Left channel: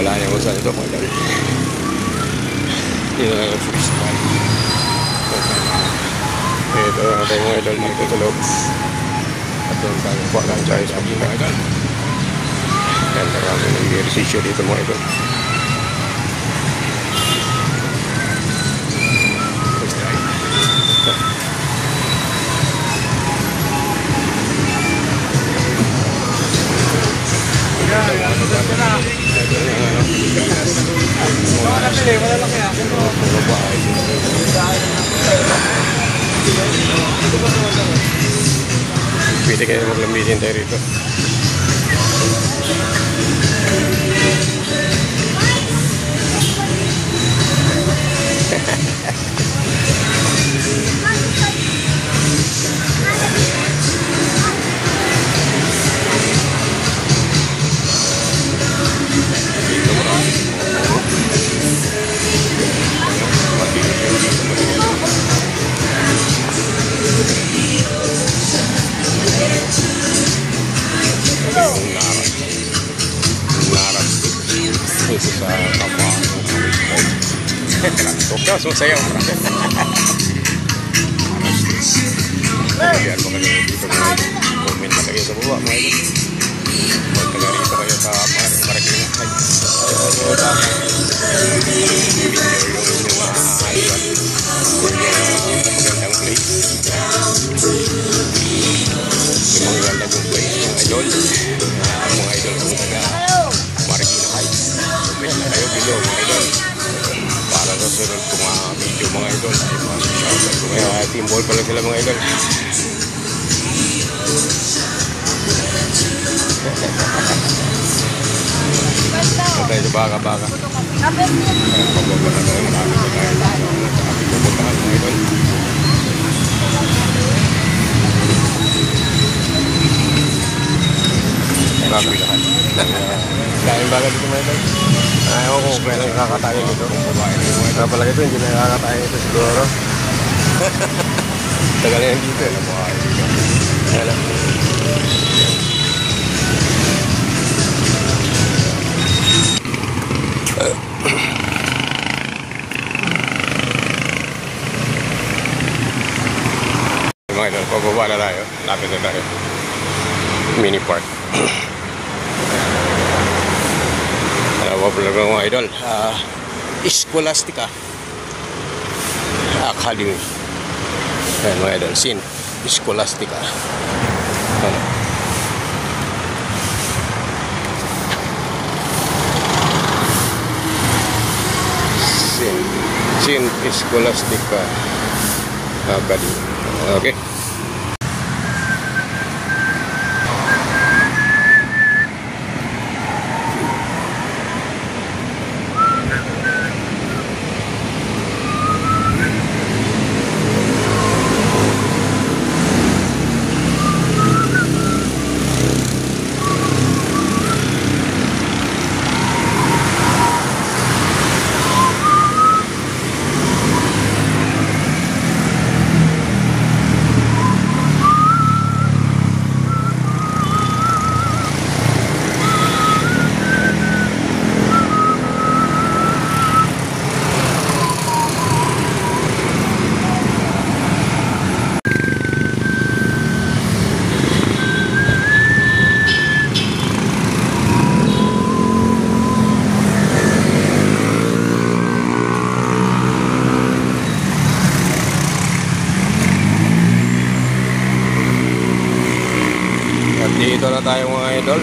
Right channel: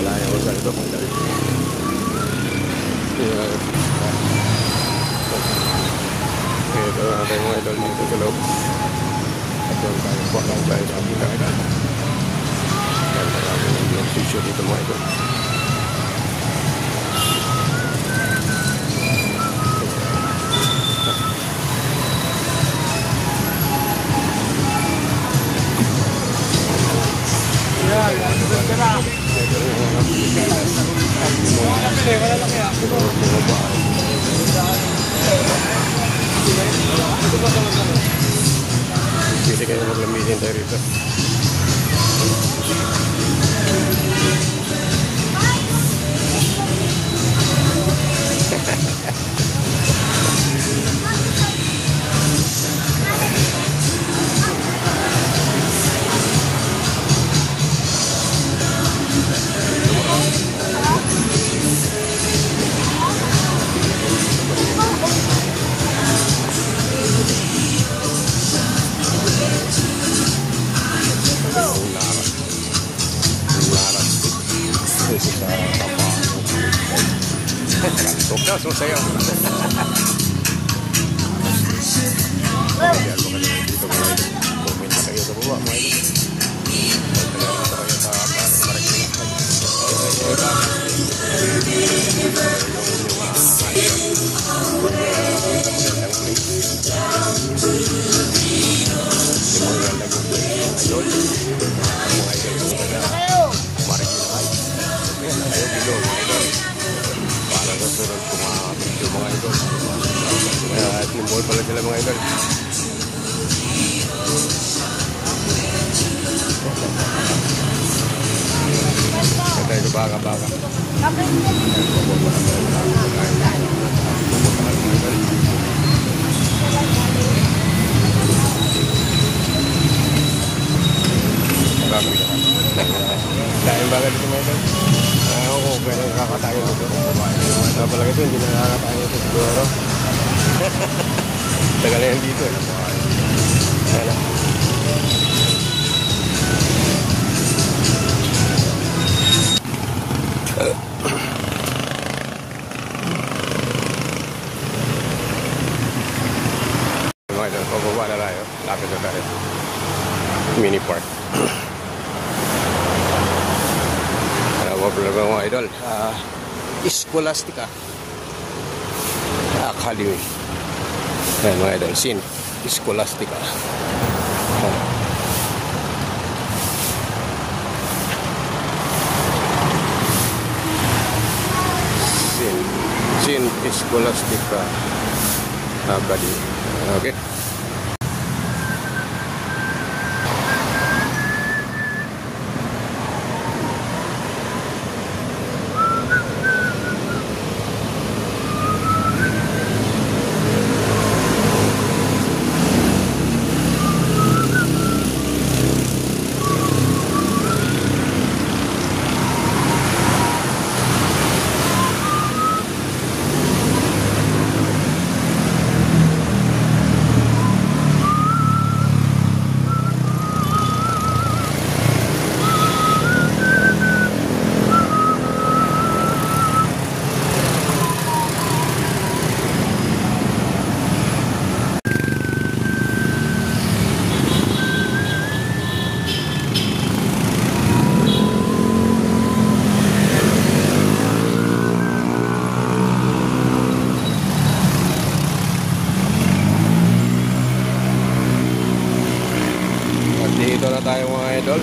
wala niya kung saan ito mga idol. Ito natin mga idol dito sa loob. Kuha lang tayo sa mga idol. Yan, maraming ehersisyo dito mga idol. Pwede kayo maglambitin tayo rito. Sumasayaw mo na. Ayan, comment lang kayo sa baba mga idol. Magtaga rito kayo sa Marikina. Timbol pala sila mga idol. Tayo sa baka-baka. Marami lahat. Kain baka dito mga idol. Ayaw ko kung kailan nakakatayin ito. Ito pala ito, hindi nakakatayin ito siguro. Tagal nga dito eh. Mga idol, pababa na tayo. Lapit na tayo. Mini park. Wabla mga idol. Scholastica Academy. Ayan mga idol, St. Scholastica. St. Scholastica Academy. Okay.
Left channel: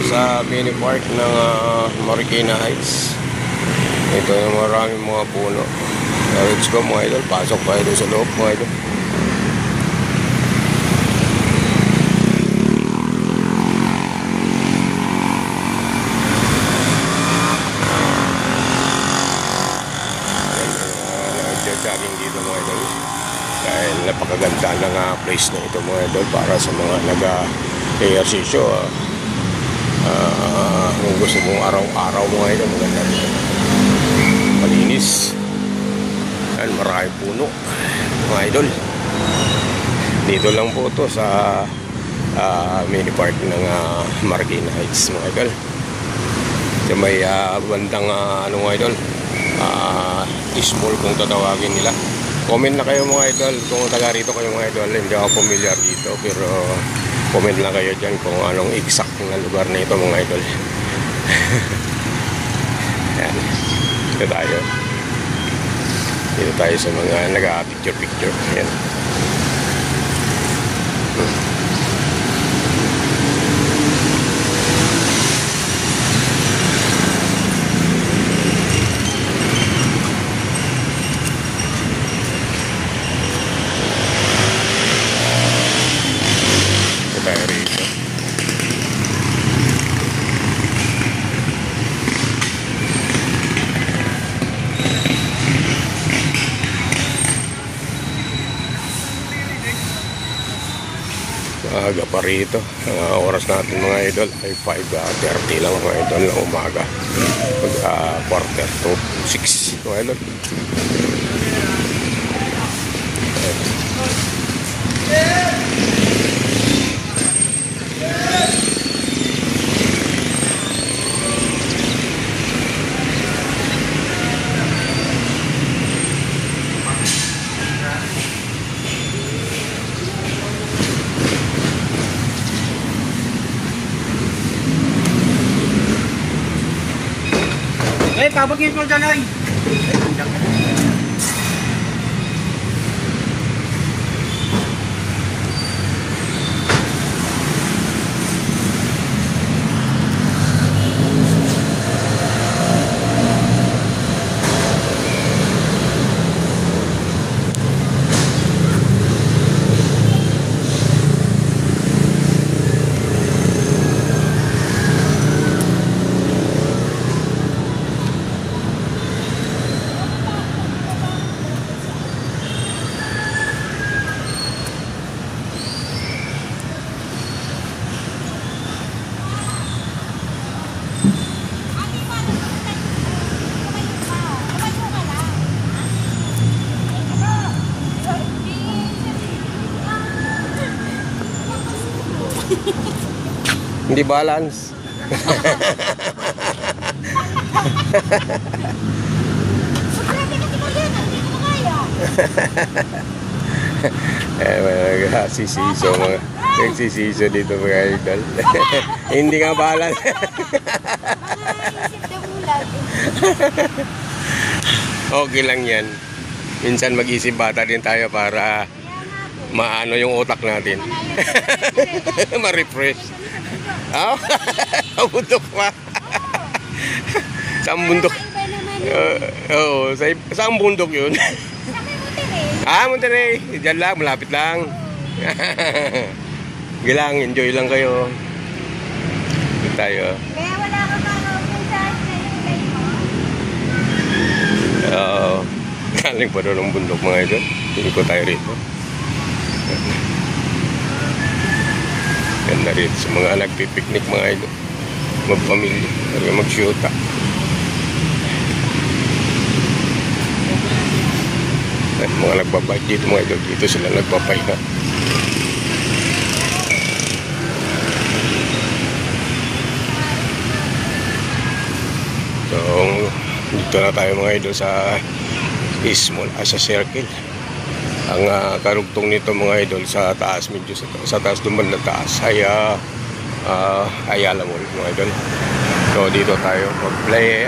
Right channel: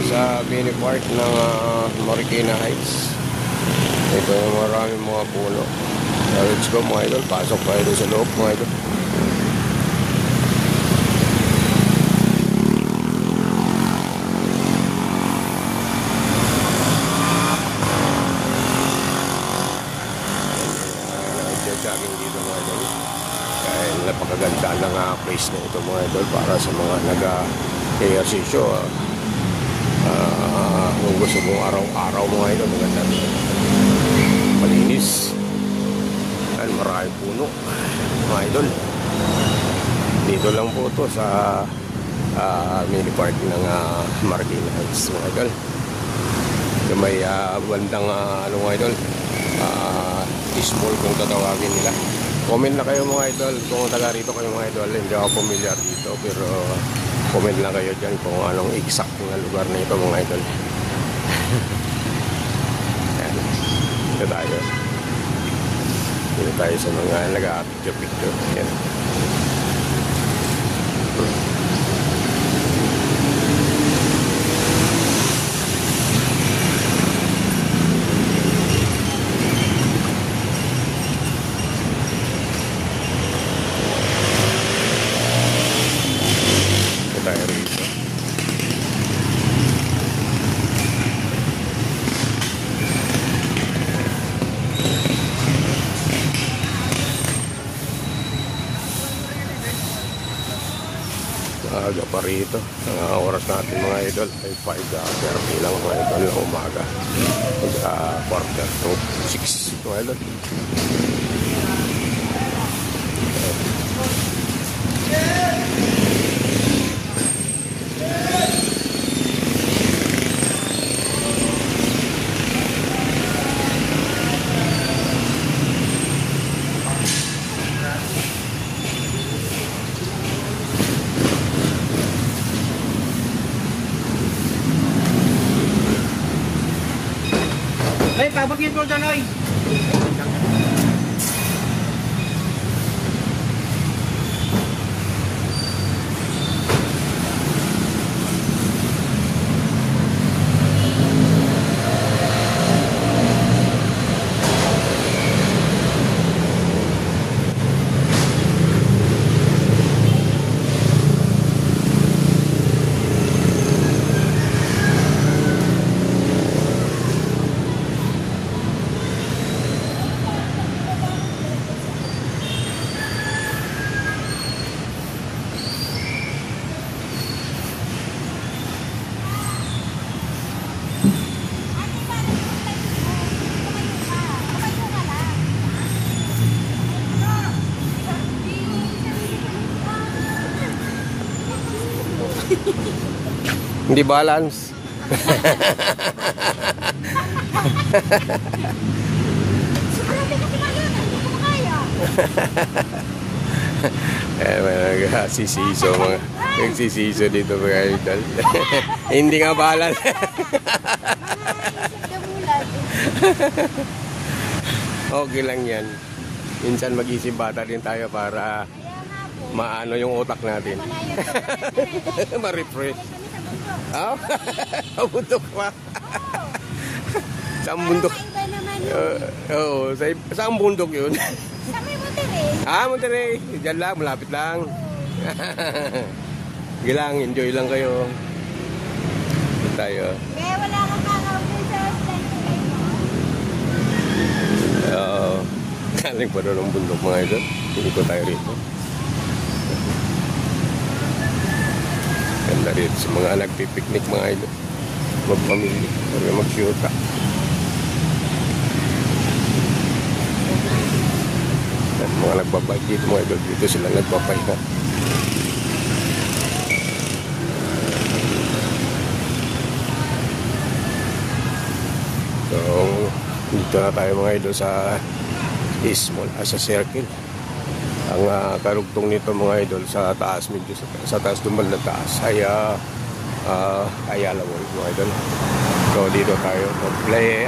Sa mini park ng Marikina Heights. Ito yung maraming mga puno. Let's go mga idol, pasok tayo sa loob mga idol. Jogging dito mga idol. Dahil napakaganda ng place na ito mga idol para sa mga nag-ehersisyo. Kung gusto mong araw-araw mga idol, malinis. Yan, marami puno mga idol. Dito lang po ito sa mini park ng Marikina Heights mga idol. Sa Yung may bandang ano mga idol, small kung tatawagin nila. Comment na kayo mga idol kung taga rito kayo mga idol. Hindi ako familiar dito, pero comment lang kayo dyan kung anong exact na lugar na ito mga idol. Yan. Dito tayo sa mga nag-picture-picture. Yan. Aga pa rito. Ang oras natin mga idol ay 5:30 lang mga idol ng umaga. 5:45 mga idol. Kabot ngayon ko dyan ay. Hindi balance. Sobrang bigat ni Mariana, hindi ko makaya. Sisiso mga nagsisiso dito mga idol. Hindi nga balance. Mga isip na bulag. Okay lang yan. Minsan mag-isip bata din tayo para maano yung utak natin. Ma-refresh. Ah, ang bundok pa. Saan bundok? Oo, saan bundok yun? Monterey. Diyan lang, malapit lang. Gilang, enjoy lang kayo. Dito tayo. Kaya wala ka pa nakapun sa play mo? Oo. Galing pa doon ang bundok mga idol. Hindi ko tayo rito. Ganda rito sa mga nagpipiknik mga idol. Magpamilya, mag-shoot pa. Mga nagbabay dito mga idol. Dito sila nagbabay na. So, dito na tayo mga idol sa small as a circle. Ang karugtong nito mga idol sa taas, medyo sa taas duman na taas ay Ayala Mall mga idol. So dito tayo mag-play,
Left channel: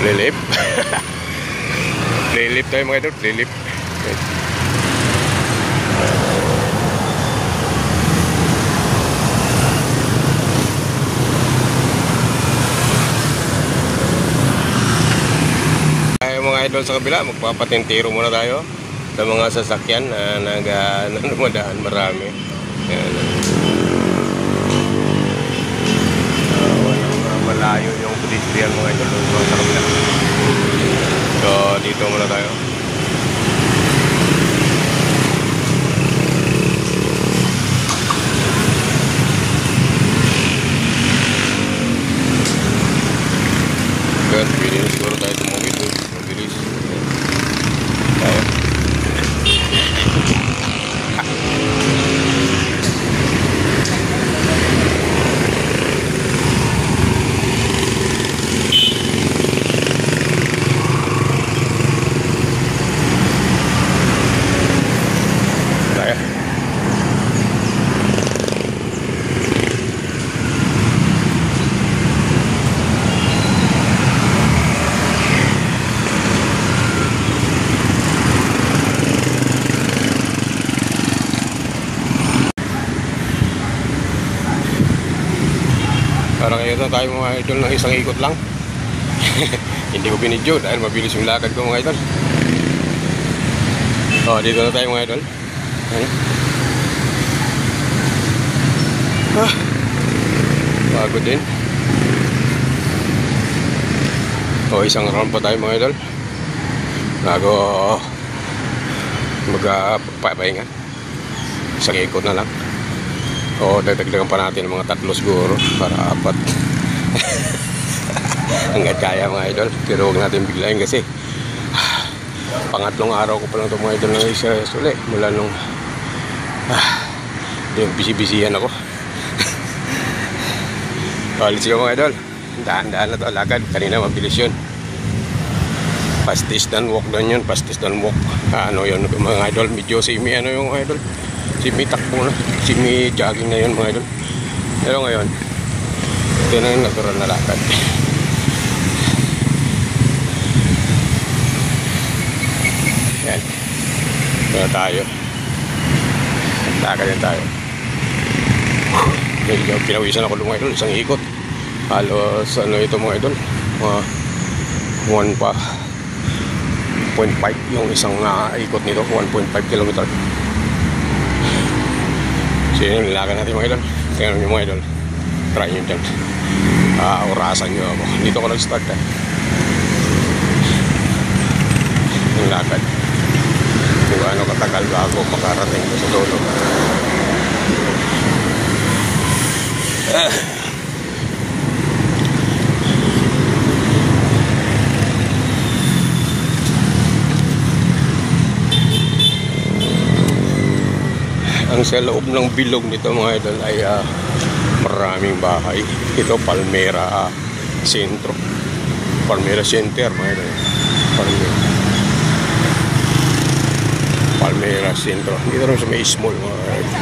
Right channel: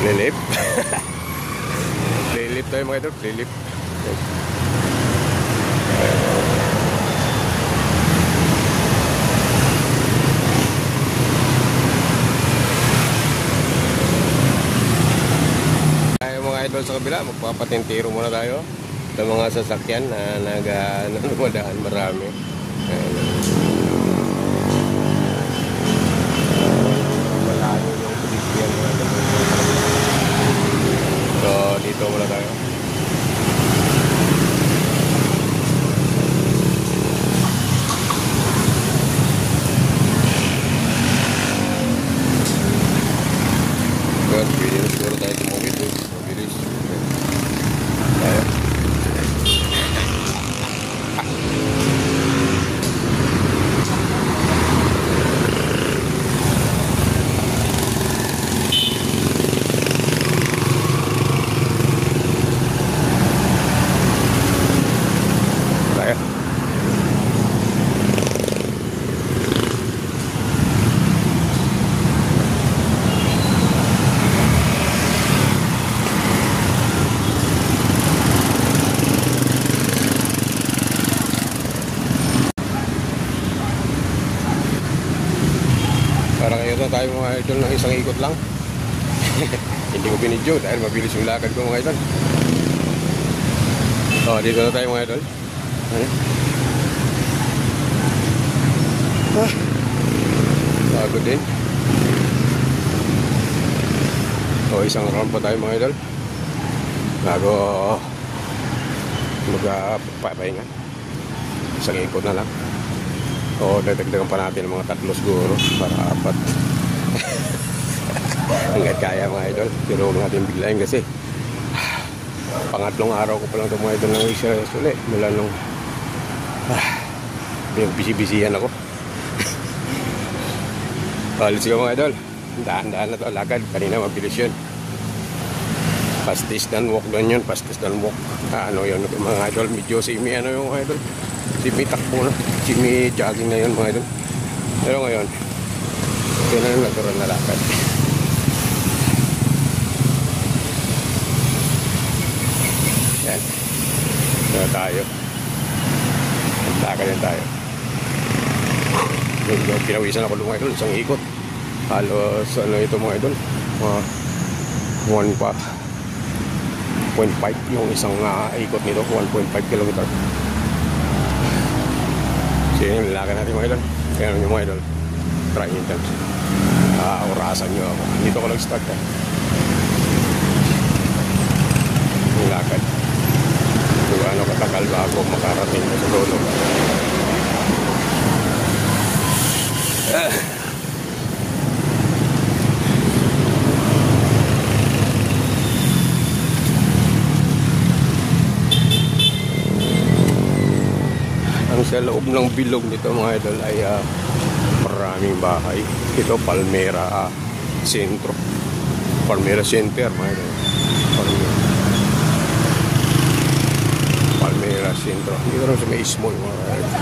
play lift. Play lift tayo mga idol, play lift. Idol sa kabila, magpapatintiro muna tayo sa mga sasakyan na dumadaan marami. Yan. Malayo yung pedestrian mga idol. So dito muna tayo. idol ng isang ikot lang. Hindi ko binidyo dahil mabilis yung lakad ko mga idol. Dito na tayo mga idol. Bago din. Isang round pa tayo mga idol bago magpapahinga. Isang ikot na lang. Dadagdagan pa natin mga 3 siguro para 4. Hanggat kaya mga idol, pero huwag natin biglayin kasi pangatlong araw ko pa lang ito mga idol na isa ulit mula nung bisi-bisihan ako. Palit siya mga idol, daan-daan na ito alakad. Kanina mabilis yun, pastis dan walk dan yun, pastis dan walk. Yun mga idol, medyo semi yung mga idol, semi takbo na, semi jogging na yun mga idol. Pero ngayon ito na yung natural na lakad. Yan, ito tayo, lakad na tayo. Medyo pinawisan ako mga idol, isang ikot halos ito mga idol, 1.5 yung isang ikot nito, 1.5 km. So yun yung nilakan natin mga idol. Kaya namin mga idol, try nyo dyan, orasan nyo ako. Dito ko nag-start yung lakad kung ano katagal ka ako makarating sa lolo. Sa loob ng bilog nito mga idol ay maraming bahay. Ito Palmera Sentro, Palmera Center mga idol. Palmera Sentro. Dito rin sa may small mga idol.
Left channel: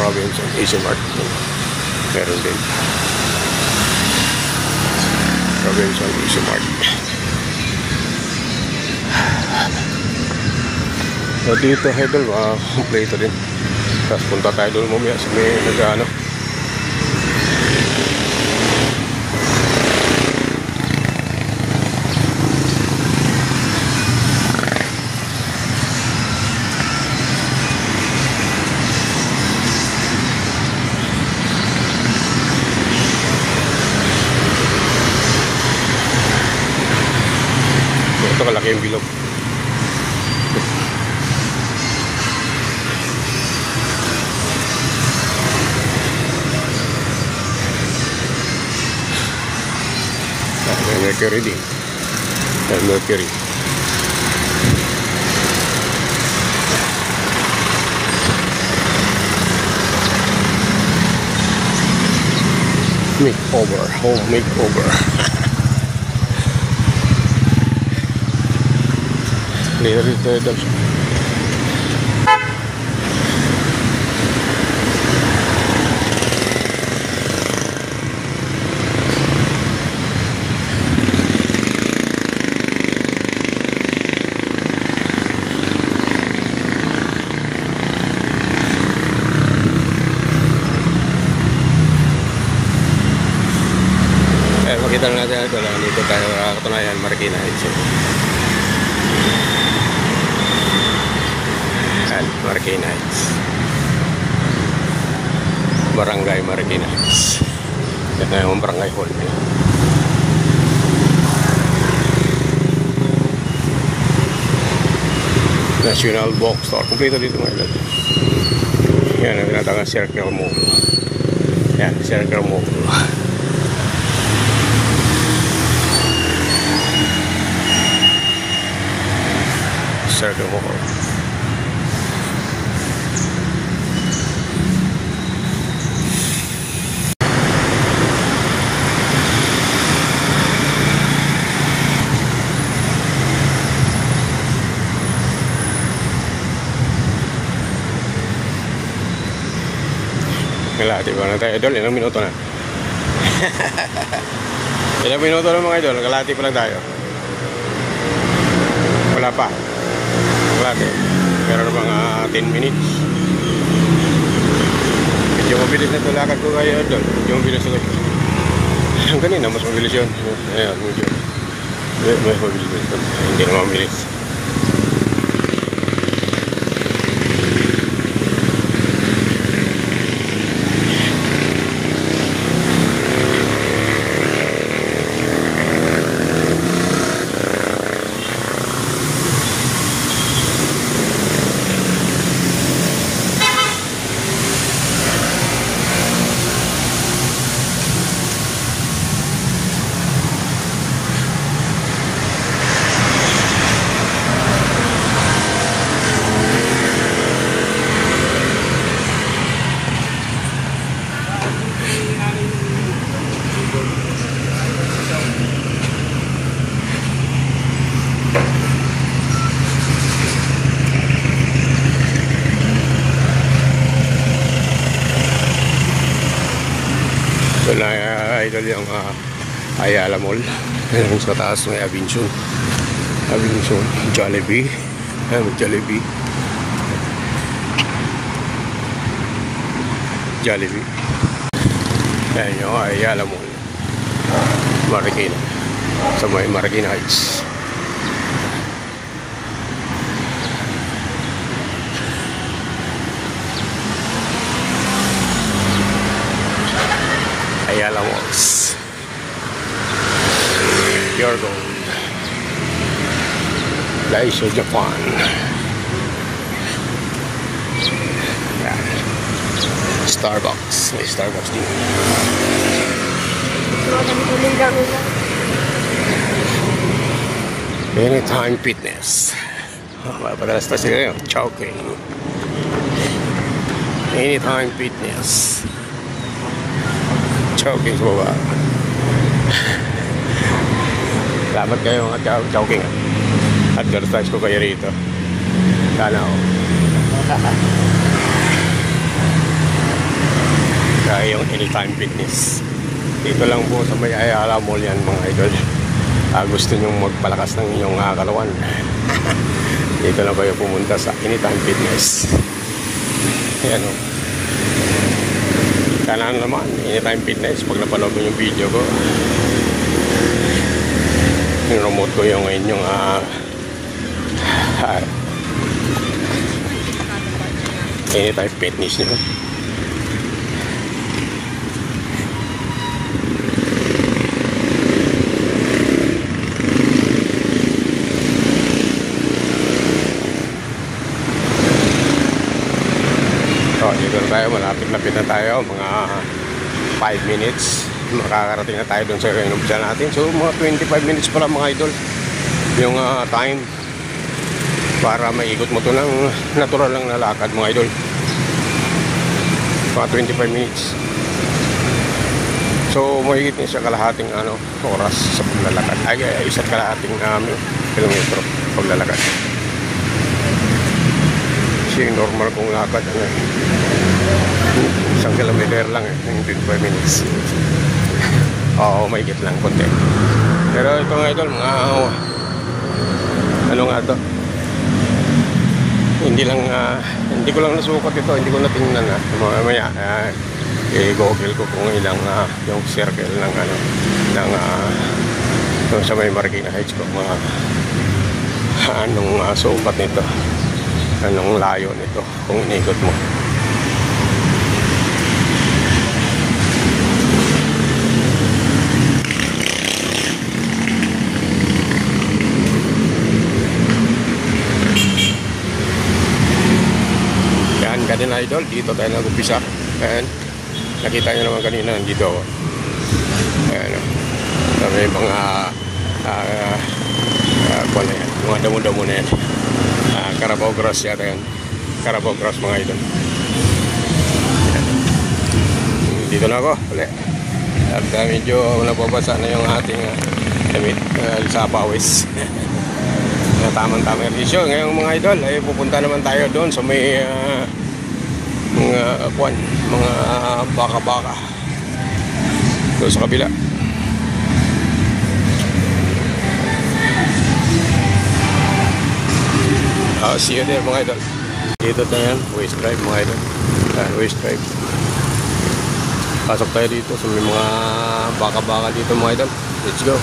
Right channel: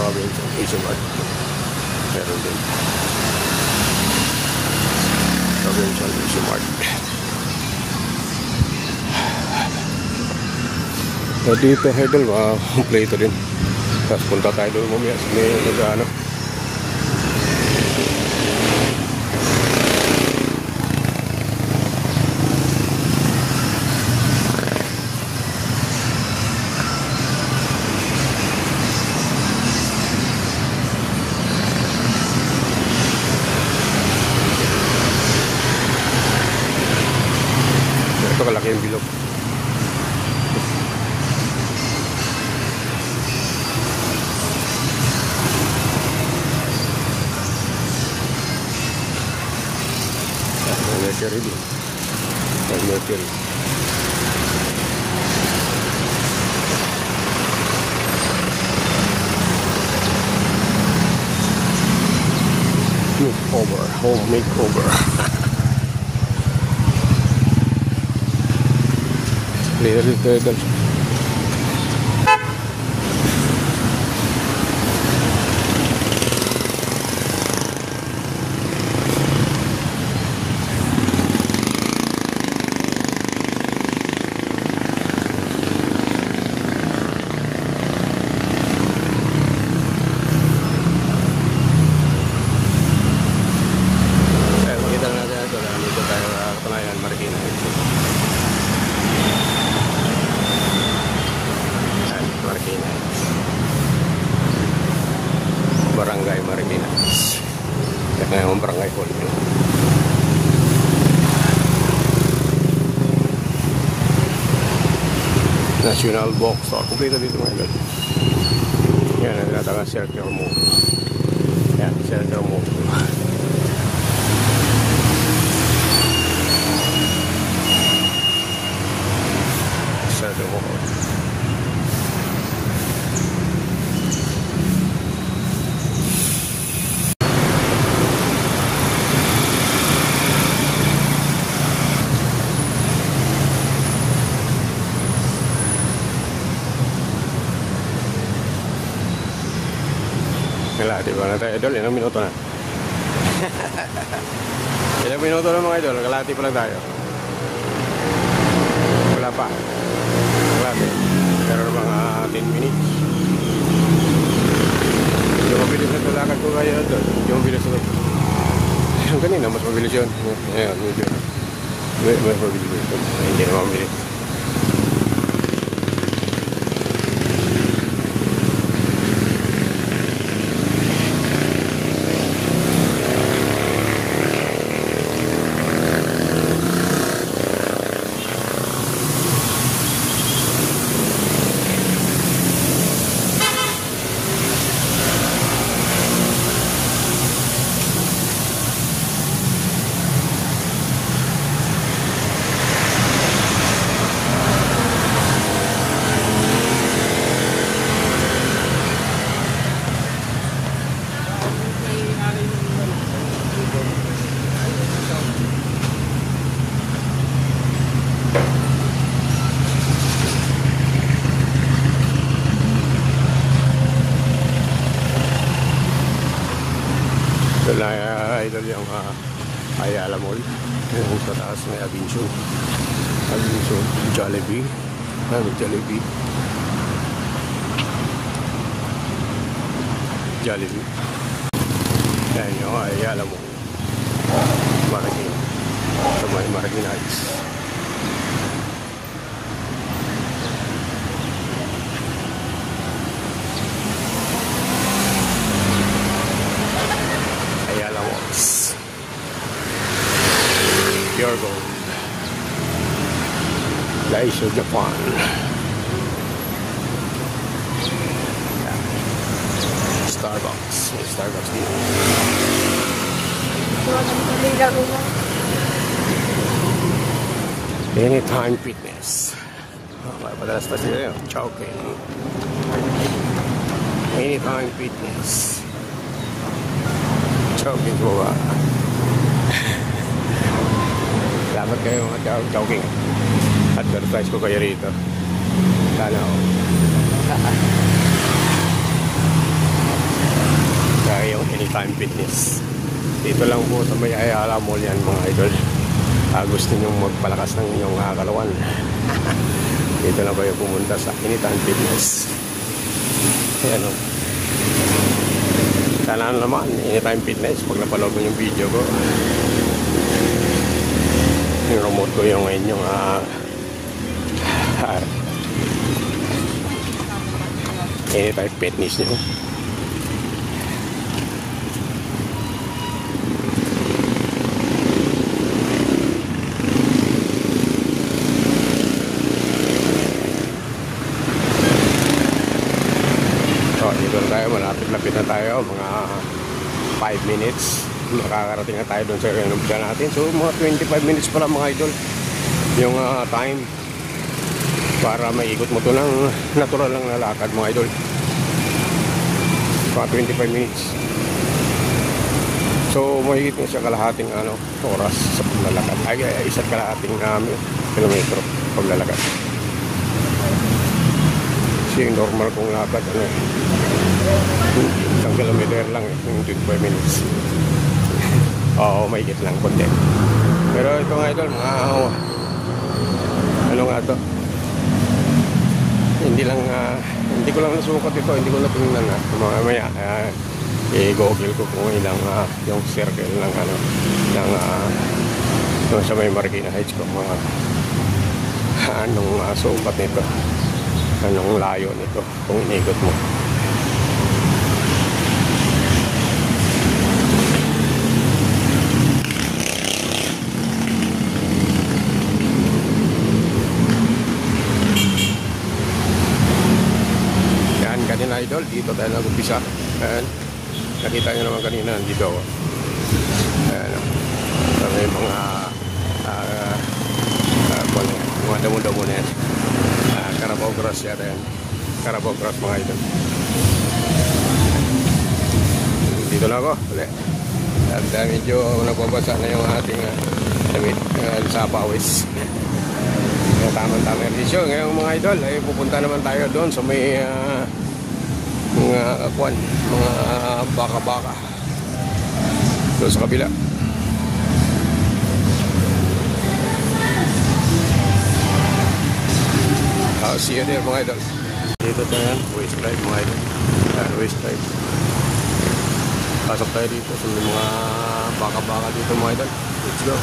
Robinson Easy Mart meron din. Robinson Easy Mart. So dito idol, play ito din. Tapos punta tayo doon mamaya sa nag-ano. Yung bilog. Mercury din. Mercury. Makeover, home makeover. Dito. Makita lang natin ito lang. Dito tayo katunayan, Marikina Heights. Marikina Heights, Barangay Marikina Heights. Yan tayo ang barangay hall. National Bookstore. Kumpleto dito ngayon. Yan ang tinatawag Circle Mall. Yan, Circle Mall. Circle mo ko. Kalahati pa lang tayo idol, ilang minuto na. Ilang minuto na mga idol, kalahati pa lang tayo. Wala pa. Kalahati. Meron na mga 10 minutes. Medyo mabilis na ito lakad ko kayo idol. Medyo mabilis na ito. Ang kanina, mas mabilis yun. Ayan, medyo. Mas mabilis ito. Hindi na mabilis. Yung Ayala Mall. Yan sa taas may Avinson, Jollibee. Yan yung Ayala Mall, Marikina, sa may Marikina Heights. Ayala Malls. Pure gold. Daisho, Japan. Yan. Starbucks. May Starbucks din. Anytime Fitness. Mapadalas na sila yun. Chowking. Anytime Fitness. Chowking sa baba. Dapat kayo chowking. Advertise ko kayo rito. Sana ako. Kaya yung Anytime Fitness. Dito lang po sa may Ayala Mall yan mga idol. Gusto nyo magpalakas ng inyong kaluan. Dito lang kayo pumunta sa Anytime Fitness. Yan o. Sana naman, Anytime Fitness. Pag napanood mo yung video ko, yung remote ko yung inyong Anytime Fitness nyo. Dito na tayo, malapit na tayo, mga 5 minutes makakarating na tayo doon sa inumpisa natin. So mga 25 minutes pa lang mga idol yung time para maikot mo ito ng natural lang na lakad mga idol. Mga 25 minutes. So mahigit niya sa kalahating oras sa paglalakad. Isa't kalahating kilometro paglalakad. Kasi yung normal kong lakad isang kilometer lang ng 25 minutes. Oo, mahigit lang konti. Pero ito nga idol, mga ano nga ito, hindi ko lang nasukat ito, hindi ko natingnan nga. Mamaya i-google ko kung ilang yung circle ng sa may Marikina Heights ko, mga anong sukat nito, anong layo nito kung inikot mo. Idol, dito tayo nag-upisa. Ayan, nakita nyo naman kanina dito ako. Ayan, may mga mga damo-damo na yan. Carabao Grass yata yan. Carabao Grass mga idol. Dito na ako ulit. At medyo nababasa na yung ating damit sa pawis. Tamang-tamang visyo. Ngayon mga idol ay pupunta naman tayo doon sa may mga baka-baka doon sa kabila. See you there mga idol. Dito tayo yan, Waste Drive mga idol. Yan, Waste Drive. Pasok tayo dito sa may mga baka-baka dito mga idol. Let's go.